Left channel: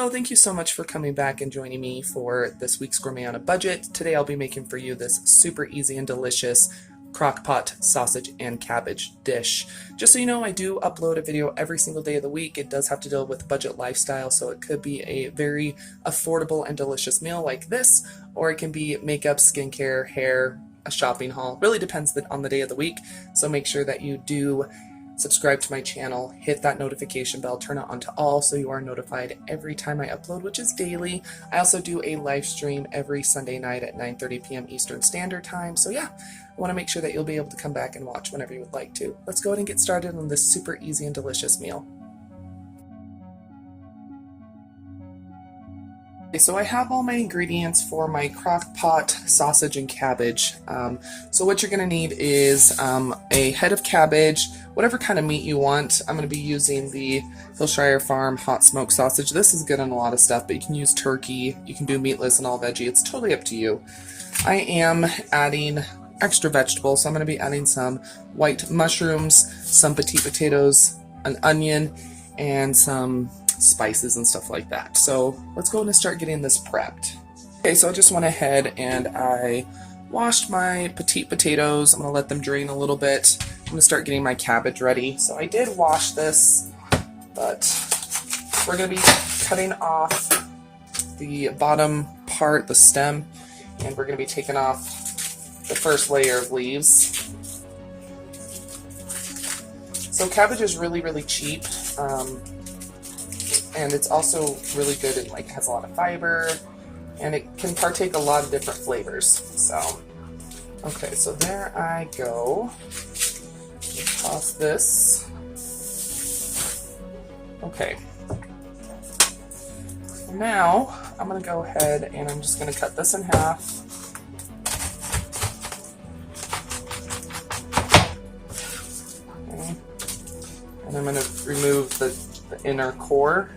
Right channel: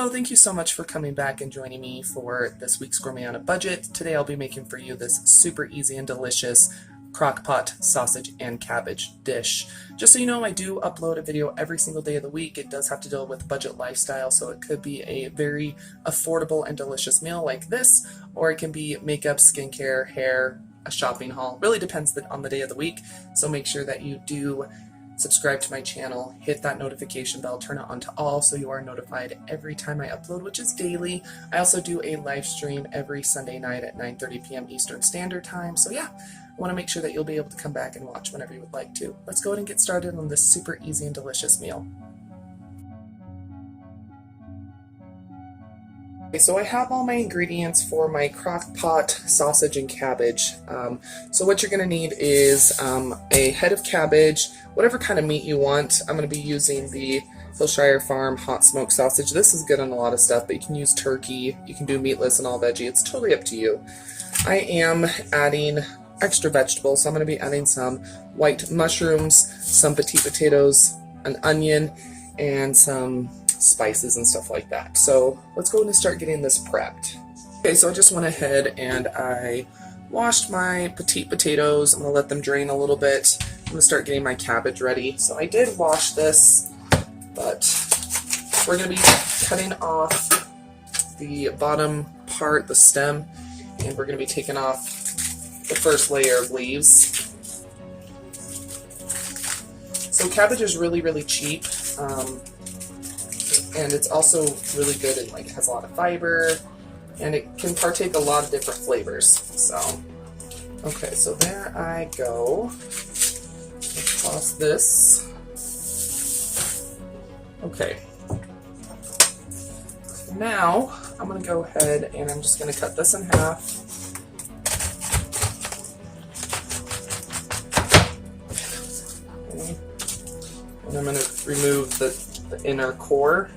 Hello, thank you so much for coming back and joining me for this week's Gourmet on a Budget. Today I'll be making for you this super easy and delicious crock pot sausage and cabbage dish. Just so you know, I do upload a video every single day of the week. It does have to deal with budget lifestyle, so it could be a very affordable and delicious meal like this, or it can be makeup, skincare, hair, a shopping haul. Really depends on the day of the week, so make sure that you do subscribe to my channel, hit that notification bell, turn it on to all so you are notified every time I upload, which is daily. I also do a live stream every Sunday night at 9:30 p.m. Eastern Standard Time. So yeah, I want to make sure that you'll be able to come back and watch whenever you would like to. Let's go ahead and get started on this super easy and delicious meal. Okay, so I have all my ingredients for my crock pot sausage and cabbage. So what you're going to need is a head of cabbage, whatever kind of meat you want. I'm going to be using the Hillshire Farm hot smoked sausage. This is good on a lot of stuff, but you can use turkey, you can do meatless and all veggie. It's totally up to you. I am adding extra vegetables, so I'm going to be adding some white mushrooms, some petite potatoes, an onion, and some spices and stuff like that. So let's go ahead and start getting this prepped. Okay, so I just went ahead and I washed my petite potatoes. I'm going to let them drain a little bit. I'm going to start getting my cabbage ready. So I did wash this, but we're going to be cutting off the bottom part, the stem, and we're going to be taking off the first layer of leaves. So cabbage is really, really cheap. And it's also really good and it has a lot of fiber, and it can partake a lot of different flavors. So, okay, so there I go. Toss this. Okay. Now I'm gonna go ahead and I'm just gonna cut this in half. Okay. And I'm gonna remove the inner core.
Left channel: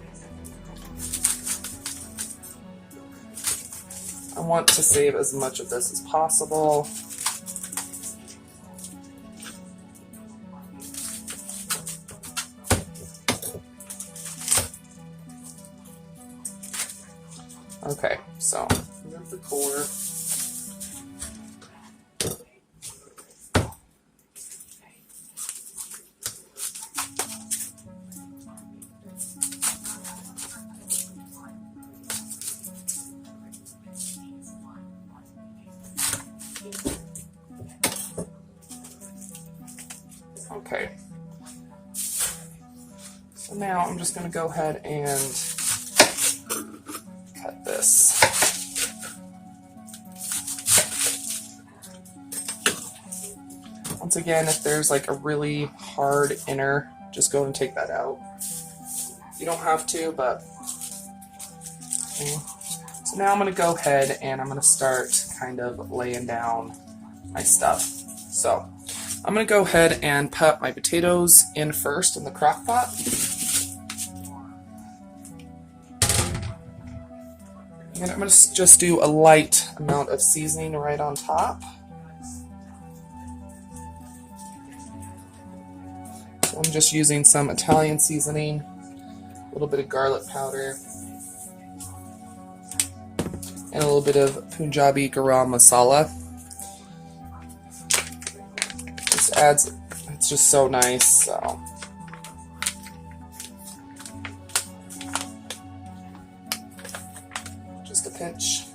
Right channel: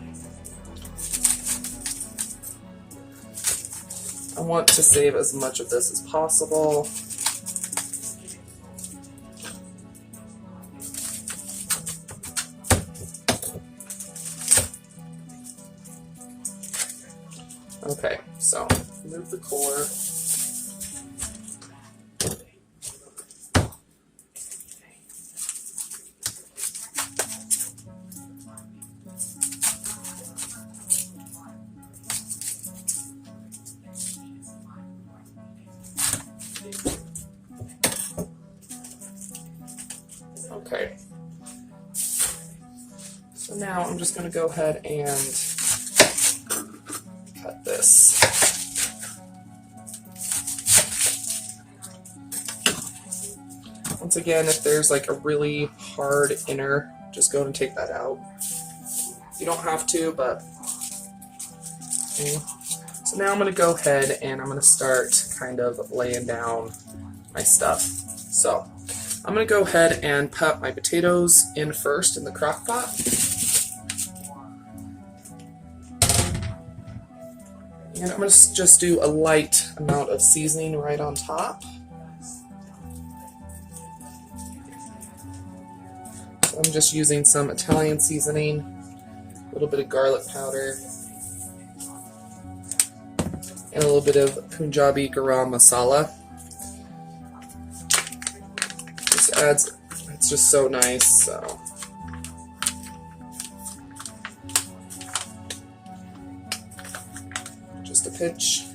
I want to save as much of this as possible. Okay, so remove the core. Okay, so now I'm just going to go ahead and cut this. Once again, if there's like a really hard inner, just go and take that out. You don't have to, but okay. So now I'm going to go ahead and I'm going to start kind of laying down my stuff. So I'm going to go ahead and put my potatoes in first in the crock pot. And I'm going to just do a light amount of seasoning right on top. So I'm just using some Italian seasoning, a little bit of garlic powder, and a little bit of Punjabi garam masala. Adds, it's just so nice. So just a pinch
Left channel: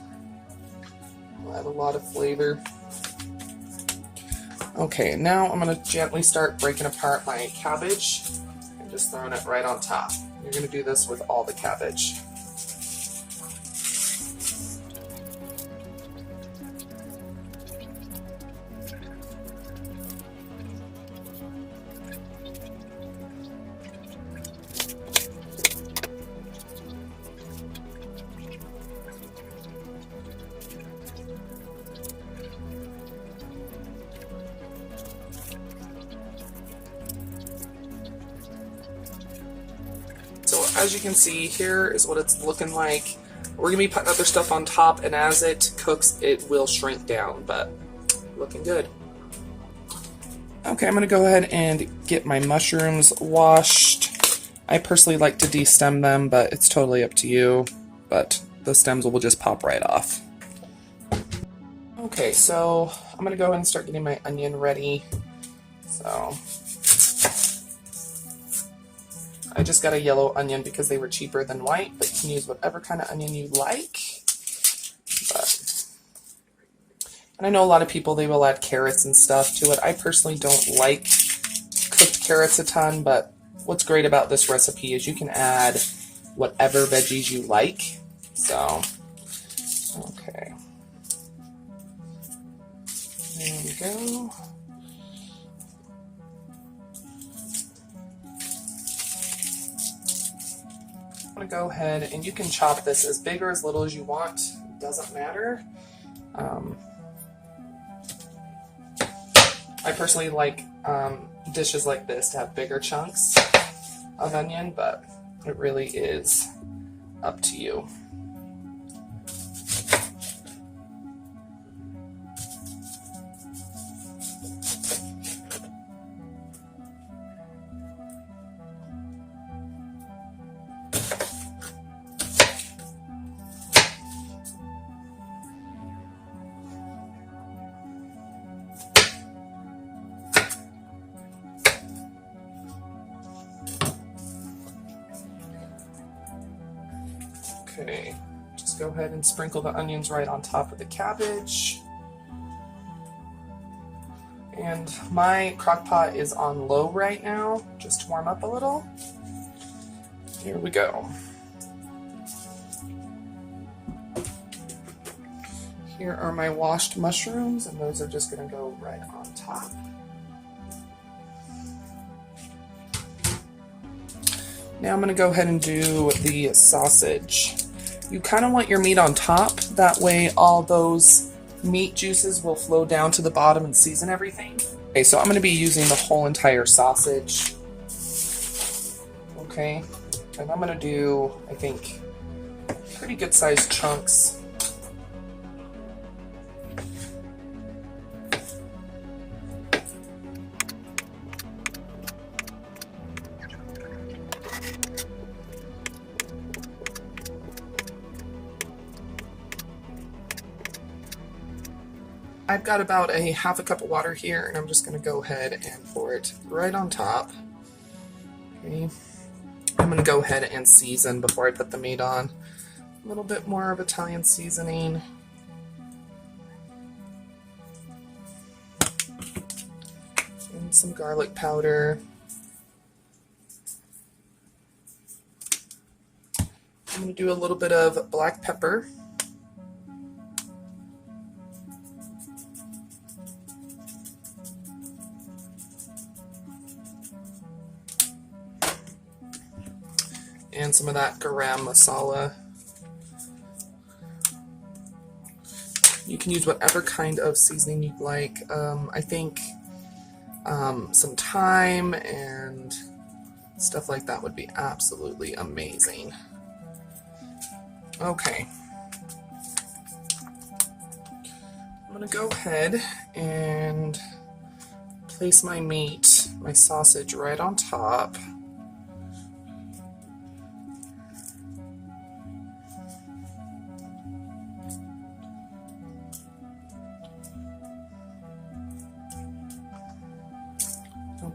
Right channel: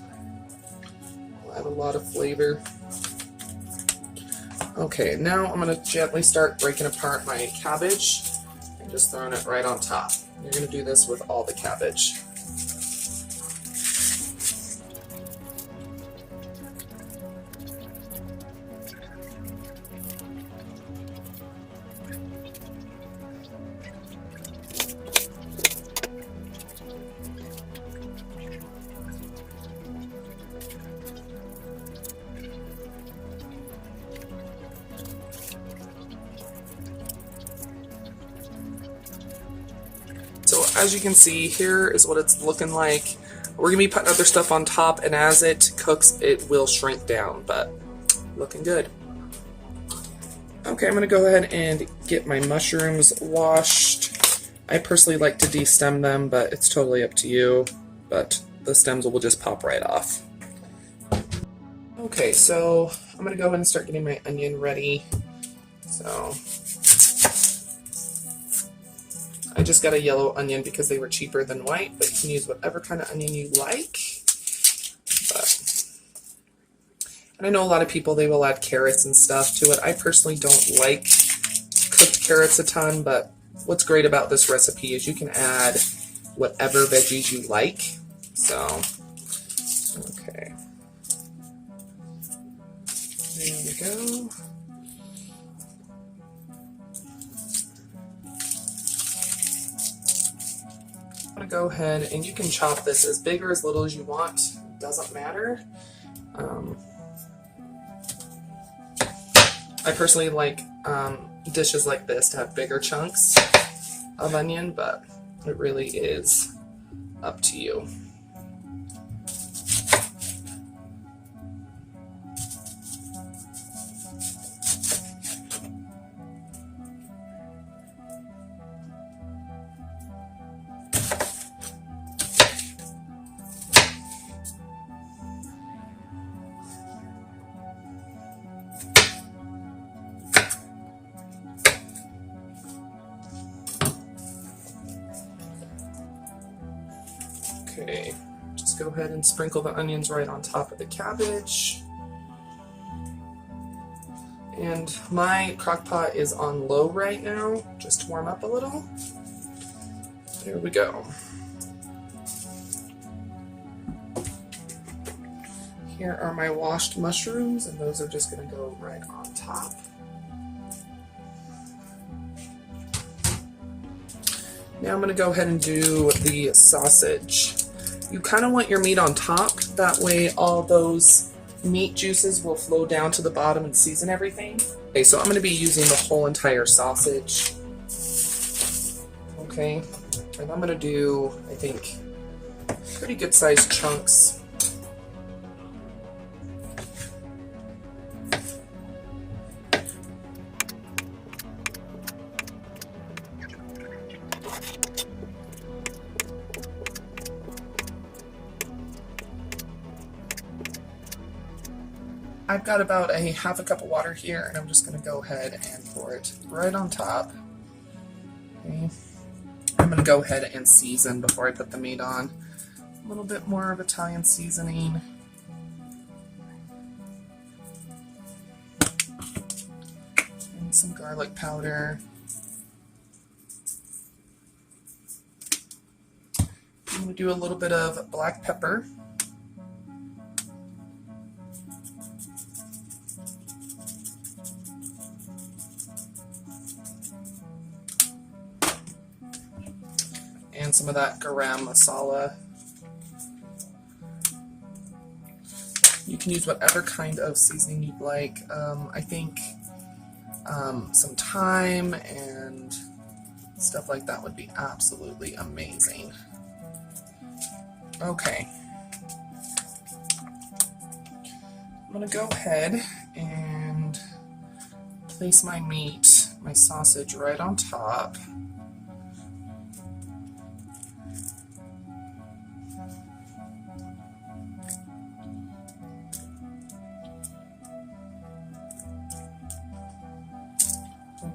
will add a lot of flavor. Okay, now I'm going to gently start breaking apart my cabbage and just throwing it right on top. You're going to do this with all the cabbage. So as you can see, here is what it's looking like. We're going to be putting other stuff on top, and as it cooks, it will shrink down, but looking good. Okay, I'm going to go ahead and get my mushrooms washed I personally like to de-stem them, but it's totally up to you. But the stems will just pop right off. Okay, so I'm gonna go ahead and start getting my onion ready. So I just got a yellow onion because they were cheaper than white, but you can use whatever kind of onion you like. And I know a lot of people, they will add carrots and stuff to it. I personally don't like cooked carrots a ton, but what's great about this recipe is you can add whatever veggies you like. So, okay. There we go. I'm going to go ahead and you can chop this as big or as little as you want. It doesn't matter. I personally like dishes like this to have bigger chunks of onion, but it really is up to you. Okay, just go ahead and sprinkle the onions right on top of the cabbage. And my crock pot is on low right now, just to warm up a little. Here we go. Here are my washed mushrooms, and those are just going to go right on top. Now I'm going to go ahead and do the sausage. You kind of want your meat on top, that way all those meat juices will flow down to the bottom and season everything. Okay, so I'm going to be using the whole entire sausage. Okay, and I'm going to do, I think, pretty good sized chunks. I've got about a half a cup of water here, and I'm just going to go ahead and pour it right on top. Okay. I'm going to go ahead and season before I put the meat on. A little bit more of Italian seasoning. And some garlic powder. I'm going to do a little bit of black pepper. And some of that garam masala. You can use whatever kind of seasoning you'd like. I think some thyme and stuff like that would be absolutely amazing. Okay. I'm going to go ahead and place my meat, my sausage, right on top.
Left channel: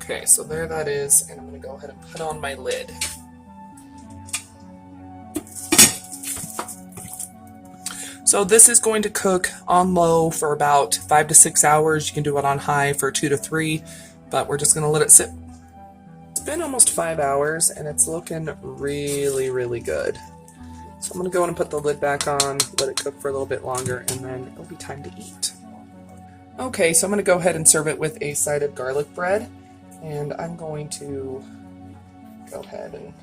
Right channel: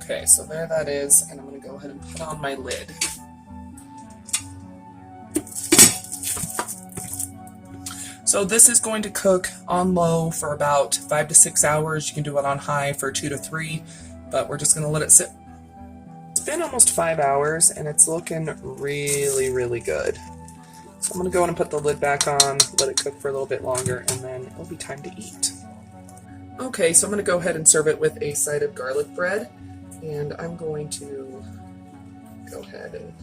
Okay, so there that is, and I'm going to go ahead and put on my lid. So this is going to cook on low for about 5 to 6 hours. You can do it on high for 2 to 3, but we're just going to let it sit. It's been almost 5 hours, and it's looking really, really good. So I'm going to go in and put the lid back on, let it cook for a little bit longer, and then it'll be time to eat. Okay, so I'm going to go ahead and serve it with a side of garlic bread. And I'm going to go ahead and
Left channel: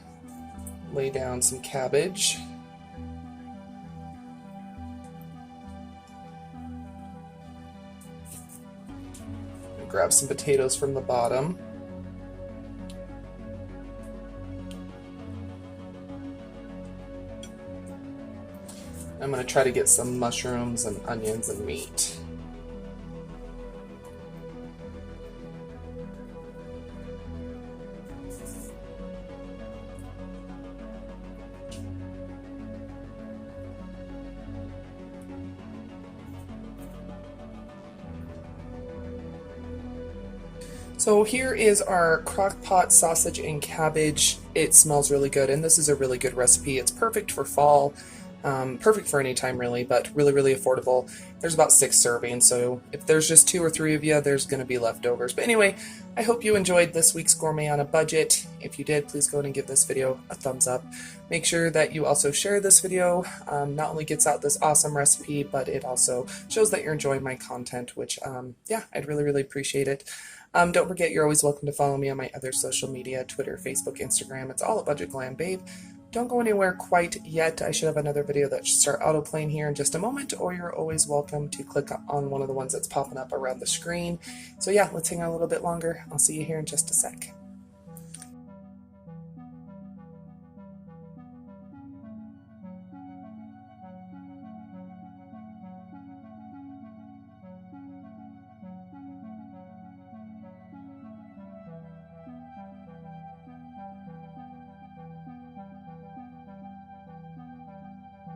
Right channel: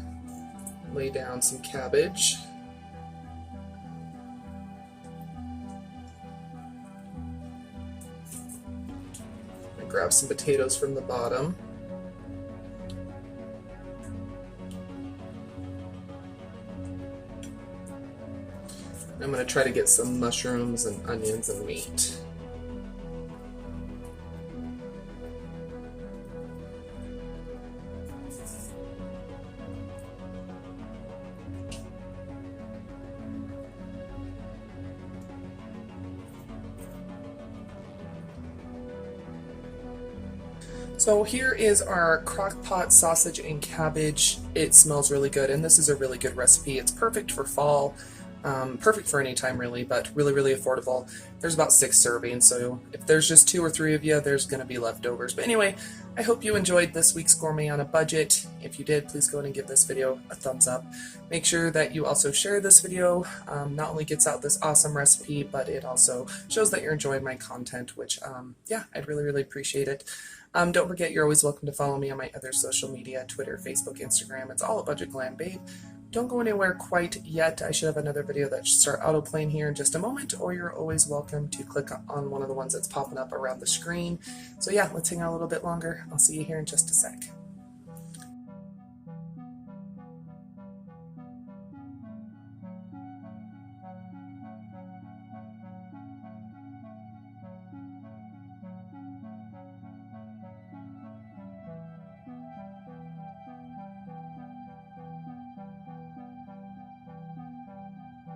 lay down some cabbage. And grab some potatoes from the bottom. I'm going to try to get some mushrooms and onions and meat. So here is our crock pot sausage and cabbage. It smells really good, and this is a really good recipe. It's perfect for fall, perfect for any time really, but really, really affordable. There's about 6 servings, so if there's just 2 or 3 of you, there's going to be leftovers. But anyway, I hope you enjoyed this week's Gourmet on a Budget. If you did, please go ahead and give this video a thumbs up. Make sure that you also share this video. Not only gets out this awesome recipe, but it also shows that you're enjoying my content, which, yeah, I'd really, really appreciate it. Don't forget, you're always welcome to follow me on my other social media, Twitter, Facebook, Instagram. It's all at Budget Glam Babe. Don't go anywhere quite yet. I should have another video that should start auto-playing here in just a moment, or you're always welcome to click on one of the ones that's popping up around the screen. So yeah, let's hang out a little bit longer. I'll see you here in just a sec.